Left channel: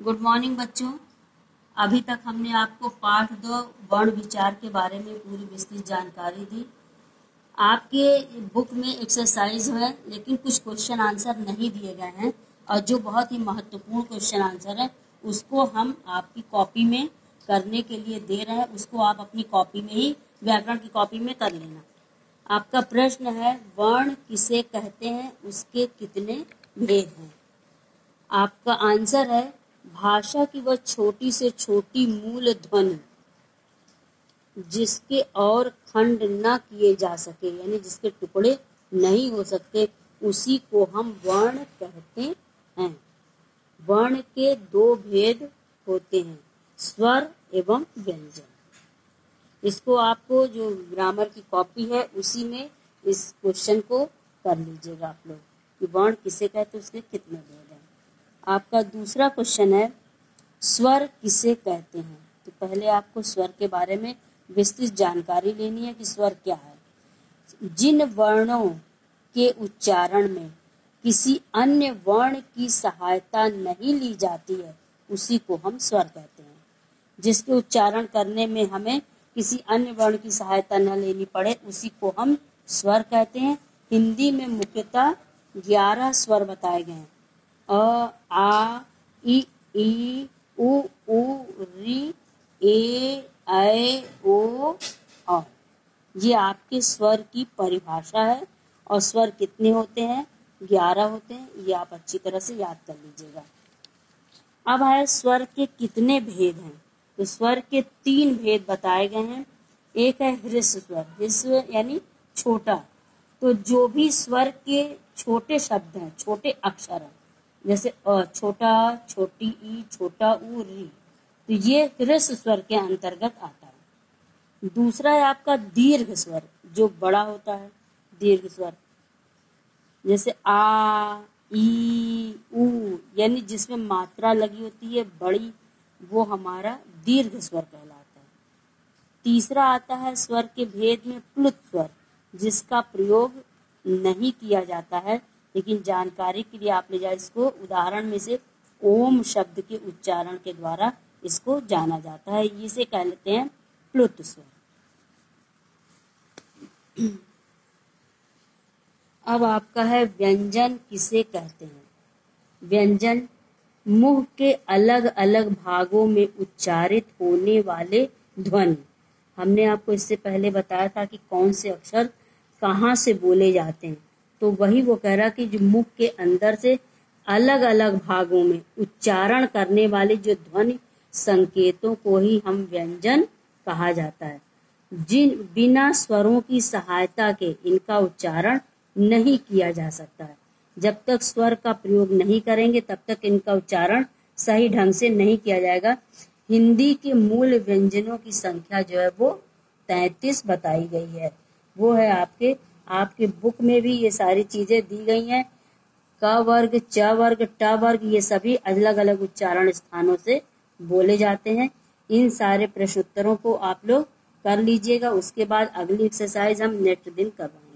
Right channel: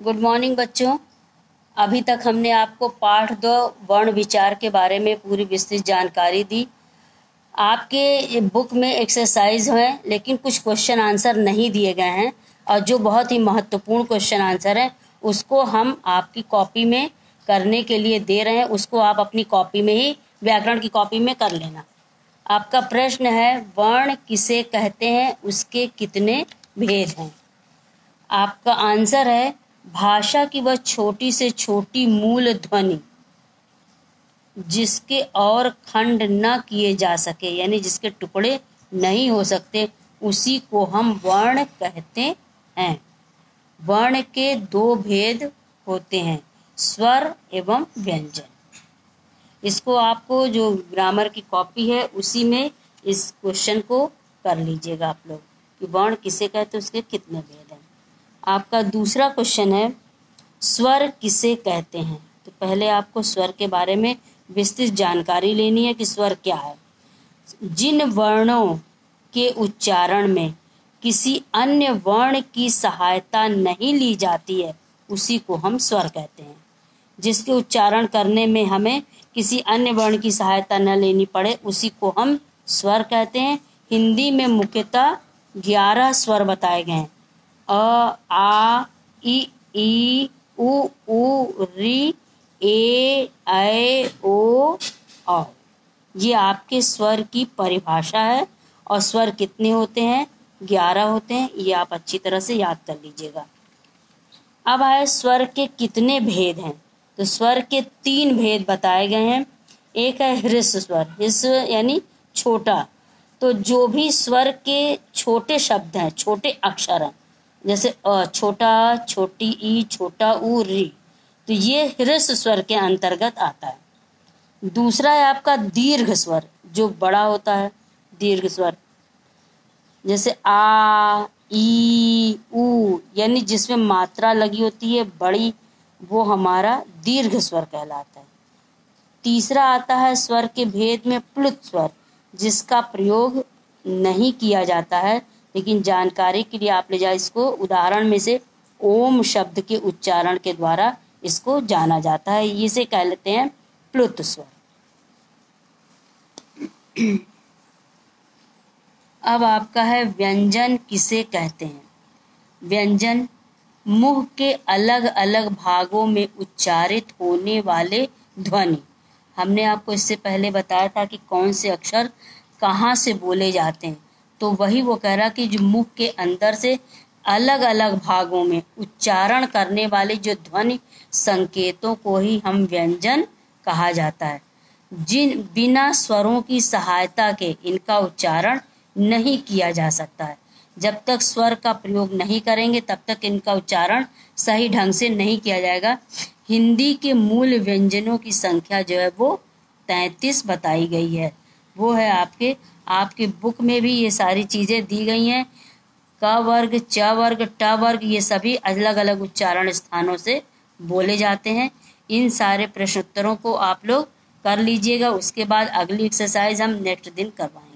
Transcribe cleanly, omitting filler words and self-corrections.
Good morning बच्चों। अभी तक हमने आपको पाठ 2 वर्ण विचार के बारे में पूरी विस्तृत जानकारी दी। आपके बुक में एक्सरसाइज हैं, लेकिन कुछ क्वेश्चन आंसर नहीं दिए गए हैं, और जो बहुत ही महत्वपूर्ण क्वेश्चन आंसर हैं उसको हम आपकी कॉपी में करने के लिए दे रहे हैं। उसको आप अपनी कॉपी में ही, व्याकरण की कॉपी में कर लेना। आपका प्रश्न है, वर्ण किसे कहते हैं, उसके कितने भेद हैं। आपका आंसर है, भाषा की वह छोटी से छोटी मूल ध्वनि जिसके और खंड न किए जा सके, यानी जिसके टुकड़े नहीं हो सकते, उसी को हम वर्ण कहते हैं। वर्ण के 2 भेद होते हैं, स्वर एवं व्यंजन। इसको आपको जो ग्रामर की कॉपी है उसी में इस क्वेश्चन को कर लीजिएगा आप लोग कि वर्ण किसे कहते हैं, उसके कितने भेद हैं। आपका दूसरा क्वेश्चन है, स्वर किसे कहते हैं। तो पहले आपको स्वर के बारे में विस्तृत जानकारी लेनी है कि स्वर क्या है। जिन वर्णों के उच्चारण में किसी अन्य वर्ण की सहायता नहीं ली जाती है उसी को हम स्वर कहते हैं। जिसके उच्चारण करने में हमें किसी अन्य वर्ण की सहायता न लेनी पड़े उसी को हम स्वर कहते हैं। हिंदी में मुख्यतः 11 स्वर बताए गए हैं, अ, आ, ई, उ, री, ए, ऐ, ओ, औ। ये आपके स्वर की परिभाषा है। और स्वर कितने होते हैं? 11 होते हैं। ये आप अच्छी तरह से याद कर लीजिएगा। अब है स्वर के कितने भेद हैं। तो स्वर के 3 भेद बताए गए हैं। एक है ह्रस्व स्वर, ह्रस्व यानी छोटा। तो जो भी स्वर के छोटे शब्द हैं, छोटे अक्षर हैं, जैसे अ, छोटा, छोटी ई, छोटा ऊ, री, तो ये ह्रस्व स्वर के अंतर्गत आता है। दूसरा है आपका दीर्घ स्वर, जो बड़ा होता है, दीर्घ स्वर, जैसे आ, ई, ऊ, यानी जिसमें मात्रा लगी होती है बड़ी, वो हमारा दीर्घ स्वर कहलाता है। तीसरा आता है स्वर के भेद में प्लुत स्वर, जिसका प्रयोग नहीं किया जाता है, लेकिन जानकारी के लिए आप ले जाए इसको। उदाहरण में से ओम शब्द के उच्चारण के द्वारा इसको जाना जाता है। इसे कह लेते हैं प्लुत स्वर। अब आपका है, व्यंजन किसे कहते हैं। व्यंजन मुंह के अलग अलग भागों में उच्चारित होने वाले ध्वनि। हमने आपको इससे पहले बताया था कि कौन से अक्षर कहाँ से बोले जाते हैं। तो वही वो कह रहा कि जो मुख के अंदर से अलग अलग भागों में उच्चारण करने वाले जो ध्वनि संकेतों को ही हम व्यंजन कहा जाता है। जिन बिना स्वरों की सहायता के इनका उच्चारण नहीं किया जा सकता है। जब तक स्वर का प्रयोग नहीं करेंगे तब तक इनका उच्चारण सही ढंग से नहीं किया जाएगा। हिंदी के मूल व्यंजनों की संख्या जो है वो 33 बताई गई है। वो है आपके बुक में भी ये सारी चीज़ें दी गई हैं। क वर्ग, च वर्ग, ट वर्ग, ये सभी अलग अलग उच्चारण स्थानों से बोले जाते हैं। इन सारे प्रश्नोत्तरों को आप लोग कर लीजिएगा। उसके बाद अगली एक्सरसाइज हम नेक्स्ट दिन करवाएंगे।